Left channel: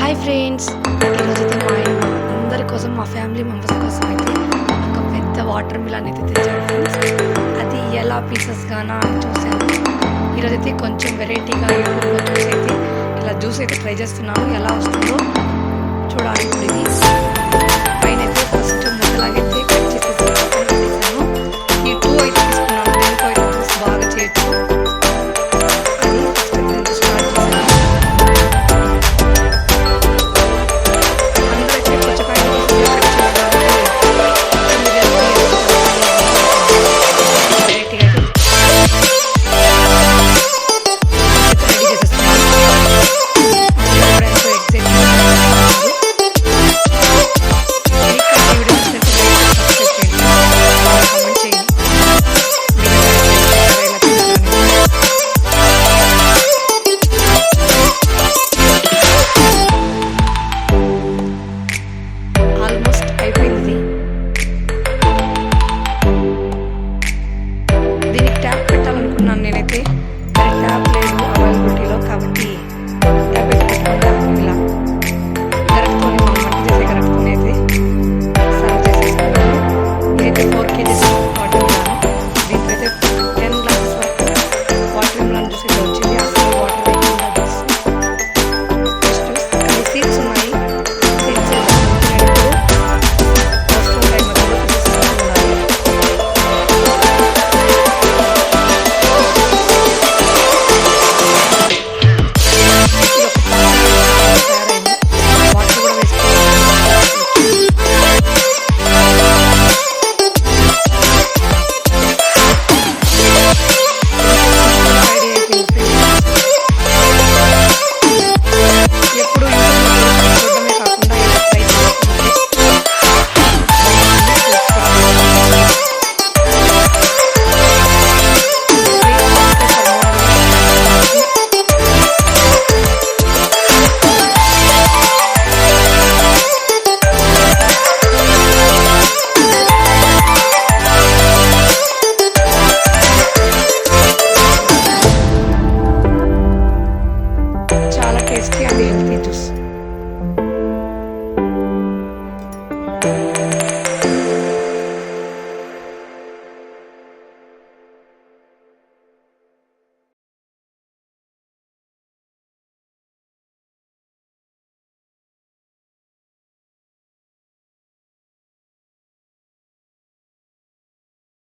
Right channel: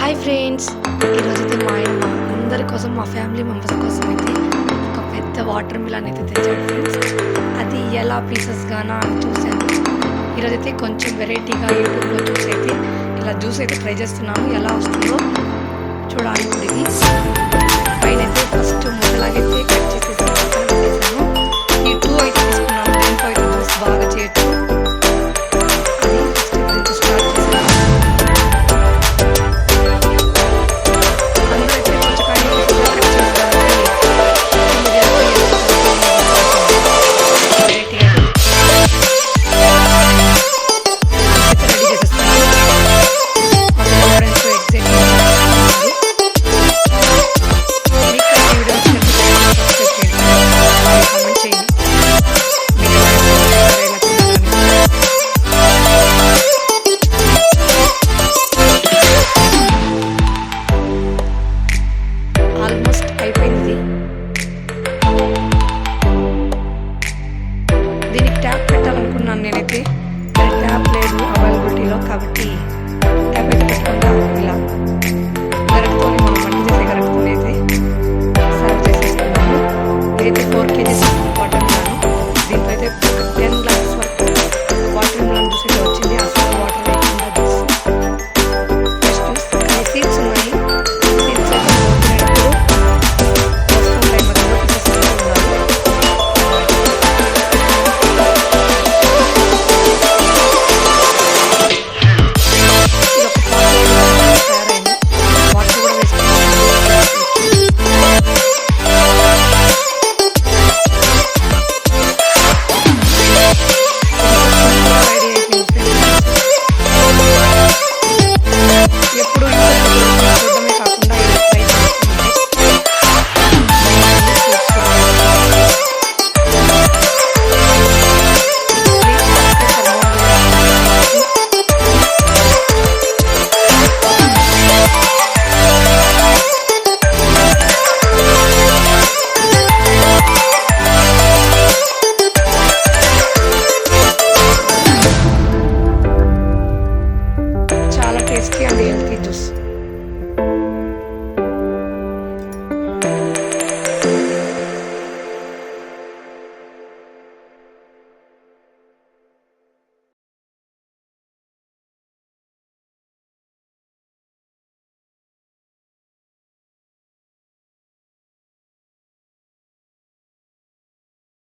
Hi friends, ఈరోజైతే మా అందరి కోసం, మా ఫ్యామిలీ మెంబర్స్ కోసం అయితే ఒక పెద్ద వాటర్ మిలన్ అయితే తెచ్చాడు ఫ్రెండ్స్. అది ఎలా పీసెస్గానా అని చూశాను. ఈరోజైతే కొంచెం వెరైటీగా యూట్యూబ్లో చూసి అయితే ఇలా జ్యూస్ అయితే ట్రై చేస్తున్నాను. ఎలా వస్తుందో చూడాలి. ఇప్పుడు ఇది పైన అయితే ఫస్ట్ ముద్దలాగైతే కట్ చేసేసి పక్కన పెట్టేసాను. ఈ 2 అయితే తీసుకున్నాను. దీంతో అయితే జ్యూస్ బాగా చేయొచ్చు. అది ఫస్ట్ దీంతో స్టార్ట్ చేశాను. అందరైతే పుచ్చకాయ కట్ చేసుకోవడానికి రెడీ చేసేస్తున్నాను. మా పిల్లలు ఫ్రెండ్స్ కామెంట్ చేయండి. మీరు ఎలా చేస్తారో, ఎలా తినాలని. ఆల్మోస్ట్ అయిపోయింది. దీనికి ట్యాప్ పెట్టాలనుకున్నాను నేనైతే, కానీ ట్యాప్ లేదు అవైలబిలిటీలో. కాబట్టి ట్యాప్ అయితే పెట్టకుండా ఇలా గరకతోనే, మనం వంట చేసే గరకతోనే అయితే సర్వ్ చేసేసుకున్నాము. ఇదైతే 4 kgs వాటర్ మిలాను. దీంతో అయితే 10 గ్లాసెస్ వరకు వాటర్ మిలాన్ జ్యూస్ అయితే వచ్చింది. అసలు వాటర్ వేయకుండా జ్యూస్, ఫ్రెష్ జ్యూస్. కానీ సీడ్స్ ఉన్నాయి. సీడ్స్ అయితే మనం తినేటప్పుడు వస్తూ ఉంటాయి, మధ్యలో తీసేసుకుంటూ ఉండాలి. ఇది ఒక తయారైంది. వాటర్ కూడా వేసుకుంటాం. ఎప్పుడు యూట్యూబ్లో చూడడమే కాకుండా ఇలా ట్రై చేస్తుంటే చాలా టేస్టీ అండ్ హెల్తీ.